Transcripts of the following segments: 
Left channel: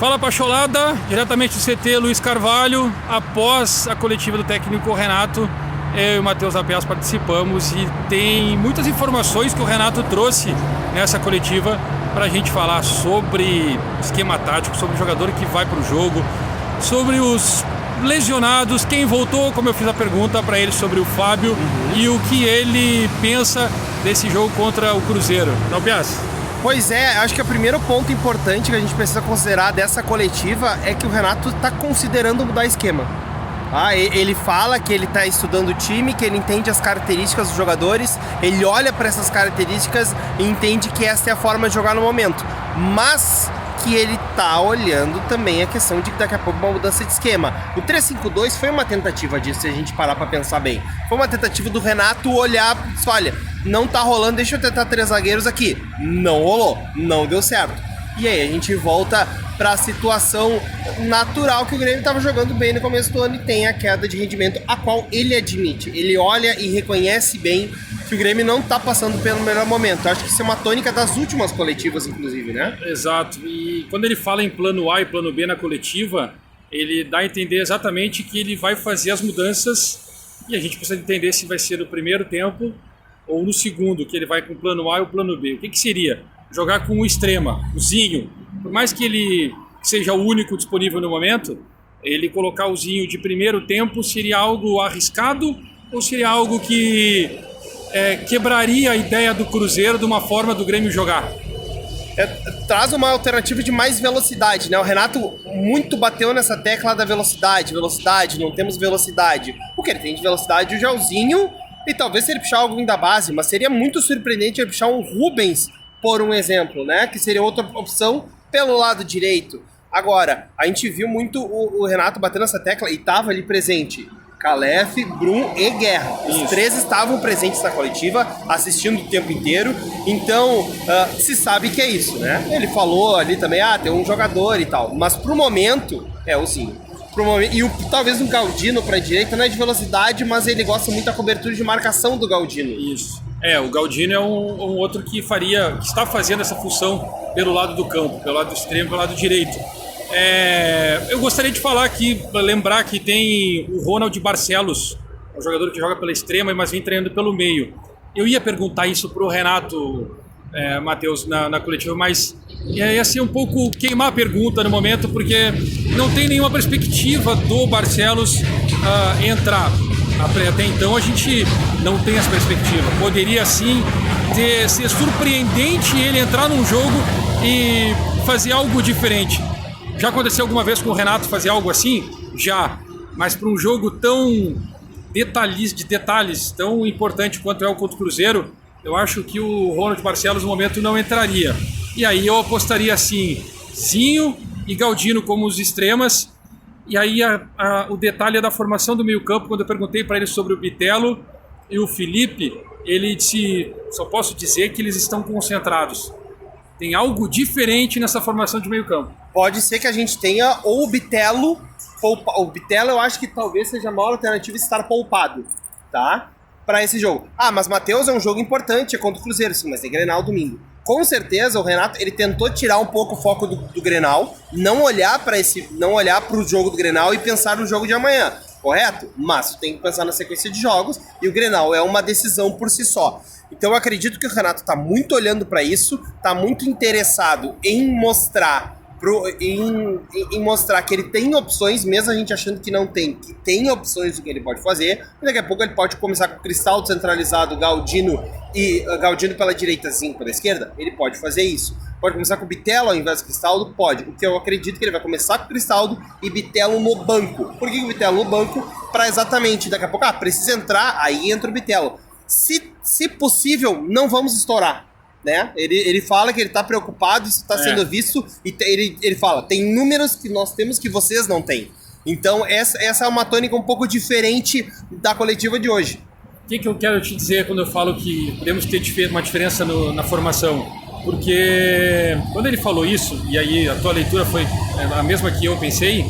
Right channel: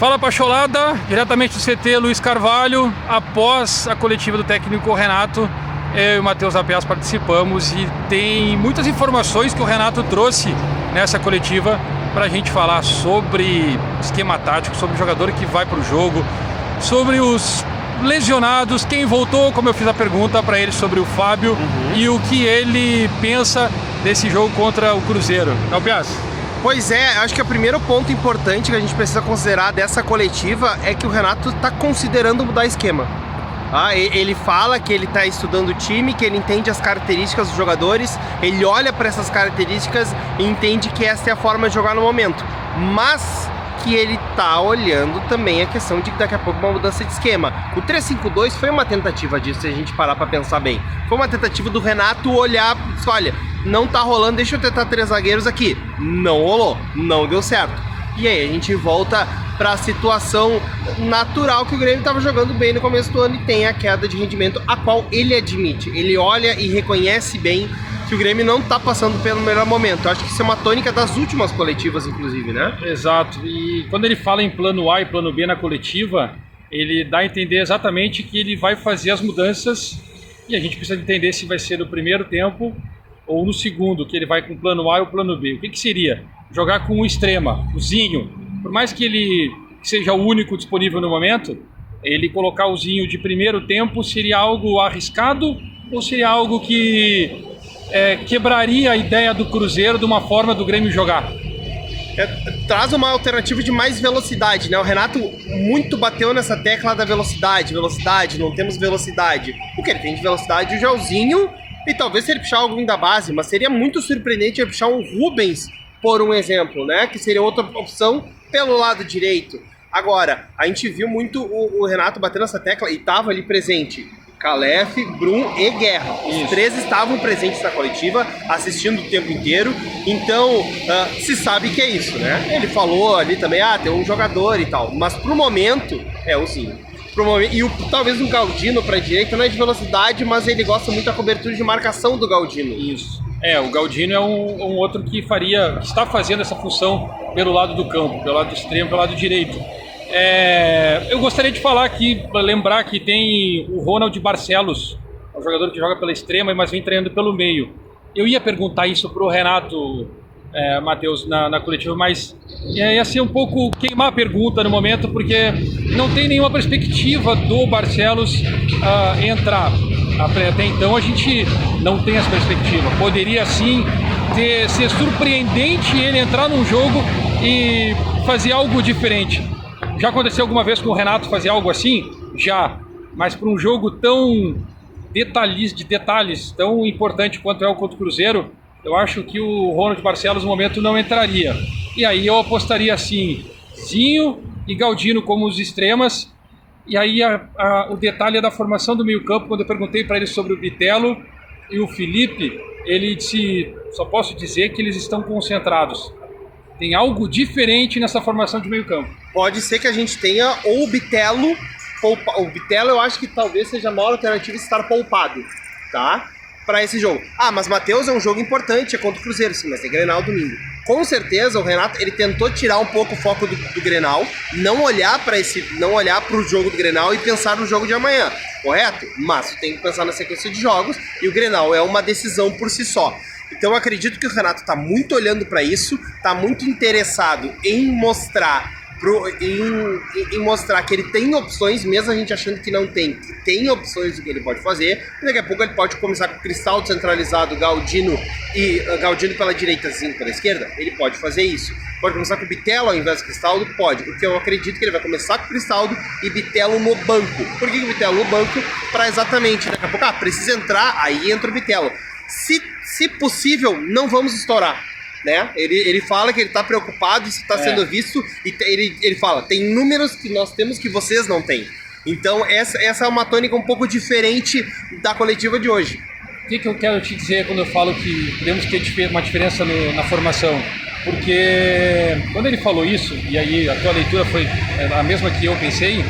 Fala Pacholada, diretamente do CT Luiz Carvalho. Após a coletiva do técnico Renato, eu e o Matheus Apias participamos e tem muitas informações que o Renato trouxe nessa coletiva para a gente falar sobre esquema tático, sobre o jogador que vai para o jogo, sobre os lesionados, quem voltou, como eu fiz a pergunta para ele sobre o Fábio e o que ele pensa desse jogo contra o Cruzeiro. Não, Pias? Pois é, acho que o primeiro ponto importante que a gente precisa considerar dessa coletiva é que o Renato está considerando mudar esquema. Ele fala que ele está estudando o time, que ele entende as características dos jogadores, ele olha para essas características e entende que essa é a forma de jogar no momento. Mas que ele está olhando também a questão de que daqui a pouco uma mudança de esquema. O 3-5-2 foi uma tentativa disso, se a gente parar para pensar bem. Foi uma tentativa do Renato olhar e dizer, olha, não tá rolando, deixa eu tentar 3 zagueiros aqui. Não rolou, não deu certo. E aí a gente volta para a situação natural que o Grêmio estava jogando bem no começo do ano e tem a queda de rendimento, a qual ele admite. Ele olha e reconhece bem que o Grêmio não está passando pelo melhor momento. Acho que isso é uma tônica das últimas coletivas, inclusive, né? Exato. E quando ele fala em plano A e plano B na coletiva, ele dá a entender exatamente que ele vai fazer as mudanças e a gente precisa entender se vai ser no primeiro tempo ou no segundo, que ele vai com o plano A e o plano B. O que seria? Jogar com o extrema, o Zinho. Por mais que ele seja o único disponível no momento, ele colocar o Zinho de primeiro tempo seria algo arriscado ou seria algo que quebraria a ideia do Cruzeiro de uma forma do Grêmio jogar? Traz uma alternativa de mais velocidade, né? O Renato muito bateu nessa tecla da velocidade, não temos velocidade. O que ele tem de velocidade, o Joãozinho, e talvez se ele puxar alguém da base, mas seria muito surpreendente ele puxar um Rubens, por um exemplo, né? Que seria outra opção pelo lado direito. Agora, a gente viu muito o Renato batendo nessa tecla e estava ali presente Calef, Brum e Guerra. Os três estavam presentes na coletiva, assistindo o tempo inteiro. Então, se sabe que é isso, né? Ele falou ali também, tem um jogador e tal. Mas pro momento, é o Zinho. Talvez um Galdino pra direita, não é de velocidade, mas ele gosta muito da cobertura de marcação do Galdino. Isso. O Galdino é um outro que está fazendo essa função pelo lado do campo, pelo lado extremo, pelo lado direito. Eu gostaria de falar aqui, lembrar que tem o Ronald Barcelos, um jogador que joga pela extrema, mas vem treinando pelo meio. Eu ia perguntar isso pro Renato, Matheus, na coletiva, mas ia ser um pouco queimar a pergunta no momento, porque não tem nenhuma perspectiva do Barcelos entrar. Até então a gente não tem essa perspectiva. Poderia sim ser surpreendente ele entrar num jogo e fazer algo diferente. Já aconteceu alguma vez com o Renato fazer algo assim? Já. Mas para um jogo tão de detalhes, tão importante quanto é o contra o Cruzeiro, eu acho que o Ronald Barcelos no momento não entraria. E aí eu apostaria assim, Zinho e Galdino como os extremas. E aí o detalhe é da formação do meio-campo. Quando eu perguntei para ele sobre o Bitelo e o Felipe, ele disse, só posso dizer que eles estão concentrados. Tem algo diferente nessa formação de meio-campo. Pode ser que a gente tenha ou o Bitelo. O Bitelo eu acho que talvez seja a maior alternativa estar poupado, tá? Para esse jogo. Mas Matheus, é um jogo importante, é contra o Cruzeiro, sim, mas tem Grenal domingo. Com certeza o Renato ele tentou tirar um pouco o foco do Grenal, não olhar para o jogo do Grenal e pensar no jogo de amanhã, correto? Mas tem que pensar na sequência de jogos e o Grenal é uma decisão por si só. Então eu acredito que o Renato está muito olhando para isso, está muito interessado em mostrar que ele tem opções, mesmo a gente achando que não tem, que tem opções do que ele pode fazer. E daqui a pouco ele pode começar com o Cristaldo centralizado, Galdino pela direita, Zinho pela esquerda. Ele pode fazer isso. Pode começar com o Bitelo ao invés do Cristaldo? Pode, porque eu acredito que ele vai começar com o Cristaldo e Bitelo no banco. Por que o Bitelo no banco? Para exatamente, daqui a pouco, precisa entrar, aí entra o Bitelo. Se possível, não vamos estourar, né? Ele fala que ele está preocupado, isso está sendo visto, e ele fala, tem números que nós temos que vocês não têm. Então essa é uma tônica um pouco diferente da coletiva de hoje. O que eu quero te dizer quando eu falo que podemos ter uma diferença na formação? Porque quando ele falou isso, e aí a tua leitura foi a mesma que eu pensei,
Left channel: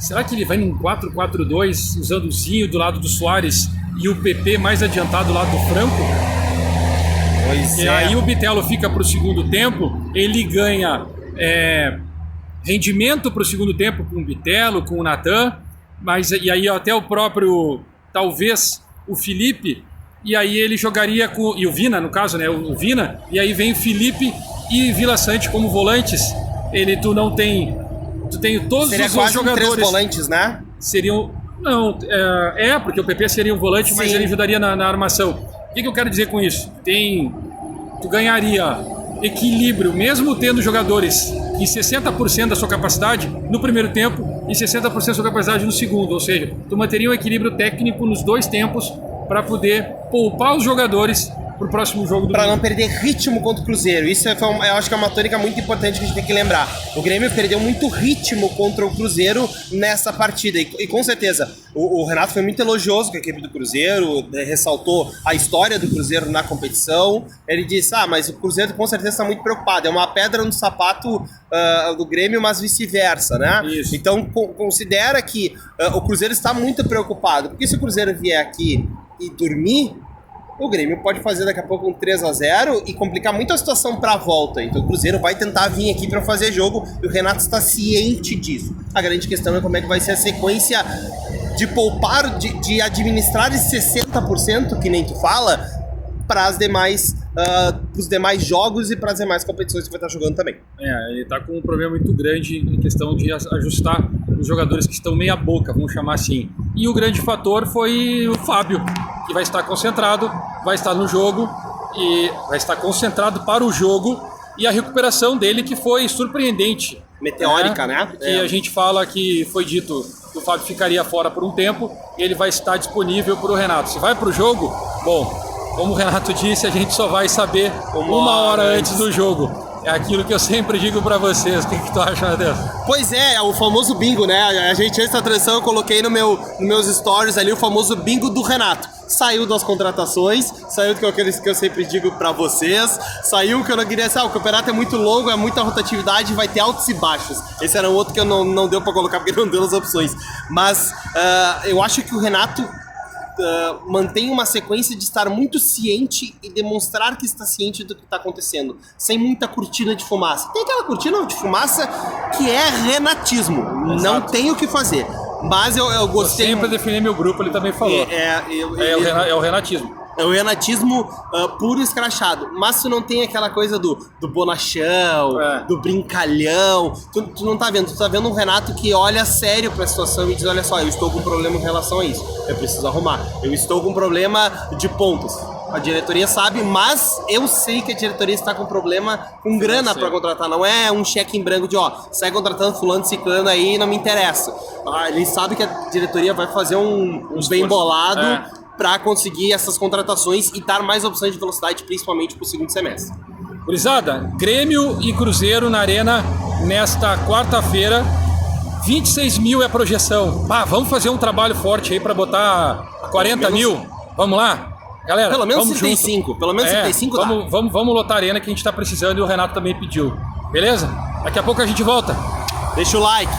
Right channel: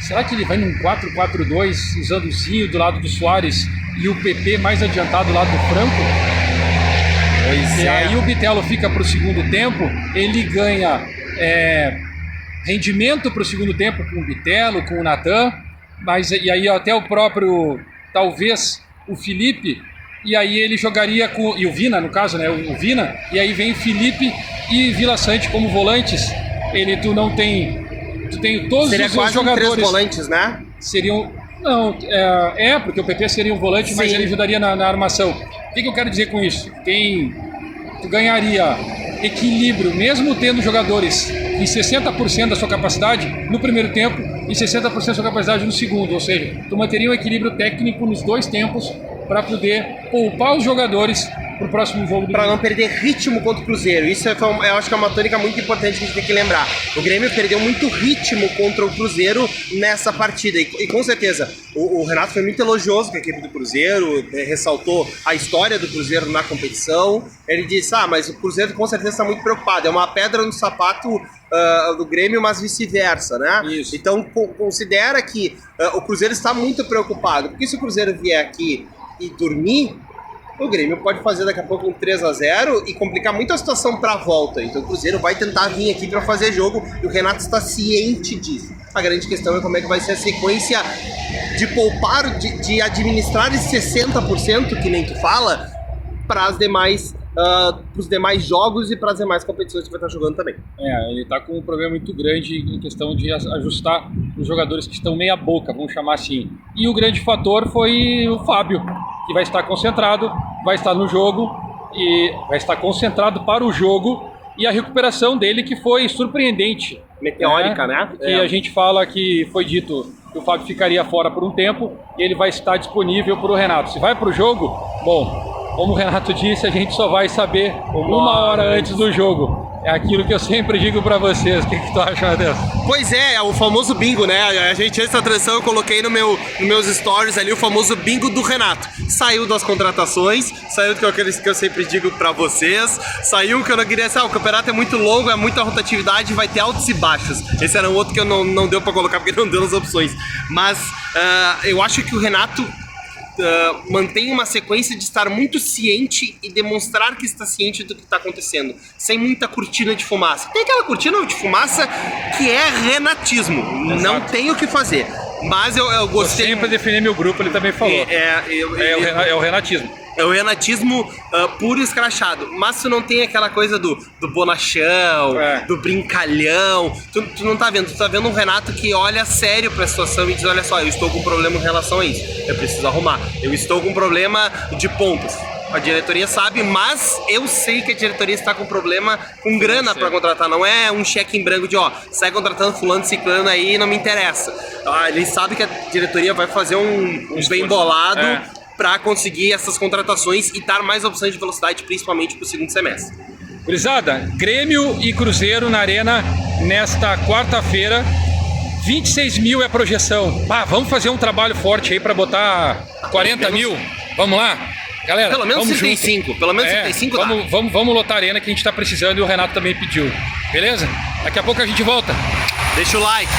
será que ele vai num 4-4-2 usando o Zinho do lado do Soares e o PP mais adiantado do lado do Franco? E aí o Bitelo fica para o segundo tempo, ele ganha rendimento para o segundo tempo com o Bitelo, com o Natan, mas e aí até o próprio, talvez, o Felipe, e aí ele jogaria com, e o Vina, no caso, né, o Vina, e aí vem o Felipe e Vila Sante como volantes. Tu tem todos Seria os quase jogadores. 3 volantes, né? Seriam, não, porque o PP seria um volante, Sim. mas ele ajudaria na armação. O que eu quero dizer com isso? Tu ganharia equilíbrio, mesmo tendo jogadores em 60% da sua capacidade no primeiro tempo e 60% da sua capacidade no segundo, ou seja, tu manteria um equilíbrio técnico nos dois tempos para poder poupar os jogadores para o próximo jogo do Para não Grêmio. perder ritmo contra o Cruzeiro. Isso eu acho que é uma tônica muito importante que a gente tem que lembrar. O Grêmio perdeu muito ritmo contra o Cruzeiro nessa partida. E com certeza, o Renato foi muito elogioso com a equipe do Cruzeiro, ressaltou a história do Cruzeiro na competição. Ele disse, mas o Cruzeiro com certeza está muito preocupado. É uma pedra no sapato do Grêmio, mas vice-versa, né? Isso. Então, considera que o Cruzeiro está muito preocupado. Porque se o Cruzeiro vier aqui e dormir, o Grêmio pode fazer daqui a pouco um 3-0 e complicar muito a situação para a volta. Então o Cruzeiro vai tentar vir aqui para fazer jogo e o Renato está ciente disso. A grande questão é como é que vai ser a sequência de poupar, de administrar esse 60%, que nem tu fala, para os demais jogos e para as demais competições que vai estar jogando também. Ele está com um problema muito grande em questão de ajustar os jogadores que estão meia boca, vamos chamar assim. E o grande fator foi o Fábio, que vai estar concentrado, vai estar no jogo e vai estar concentrado para o jogo, e a recuperação dele que foi surpreendente. Meteórica, né? Que a gente fala que foi dito que o Fábio ficaria fora por um tempo e ele vai estar disponível para o Renato. Se vai para o jogo, bom, como o Renato disse, a gente só vai saber uma hora antes do jogo. É aquilo que eu sempre digo pra vocês. O que tu acha, Matheus? Pois é o famoso bingo, né? A gente, antes da transição, eu coloquei nos meus stories ali o famoso bingo do Renato. Saiu das contratações, saiu do que eu sempre digo pra vocês, saiu que eu não queria dizer, o campeonato é muito longo, é muita rotatividade, vai ter altos e baixos. Esse era um outro que eu não deu pra colocar porque não deu nas opções. Mas eu acho que o Renato mantém uma sequência de estar muito ciente e demonstrar que está ciente do que está acontecendo, sem muita cortina de fumaça. Tem aquela cortina de fumaça que é renatismo. Exato. Não tem o que fazer. Mas eu gostei. Eu sempre defini meu grupo, ele também falou. É o renatismo. É o renatismo puro e escrachado. Mas tu não tem aquela coisa do bonachão, do brincalhão. Tu não tá vendo. Tu tá vendo um Renato que olha sério pra situação e diz, olha só, eu estou com um problema em relação a isso. Eu preciso arrumar. Eu estou com um problema de pontos. A diretoria sabe, mas eu sei que a diretoria está com problema com grana para contratar. Não é um cheque em branco de, sai contratando fulano, ciclano aí, não me interessa. Ele sabe que a diretoria vai fazer um bem bolado para conseguir essas contratações e dar mais opções de velocidade, principalmente para o segundo semestre. Gurizada, Grêmio e Cruzeiro na Arena nesta quarta-feira. 26 mil é a projeção. Vamos fazer um trabalho forte aí para botar 40 mil? Vamos lá? Galera, pelo menos vamos 35, junto. Pelo menos 35 dá. Vamos lotar a Arena que a gente tá precisando e o Renato também pediu. Beleza? Daqui a pouco a gente volta. Deixa o like.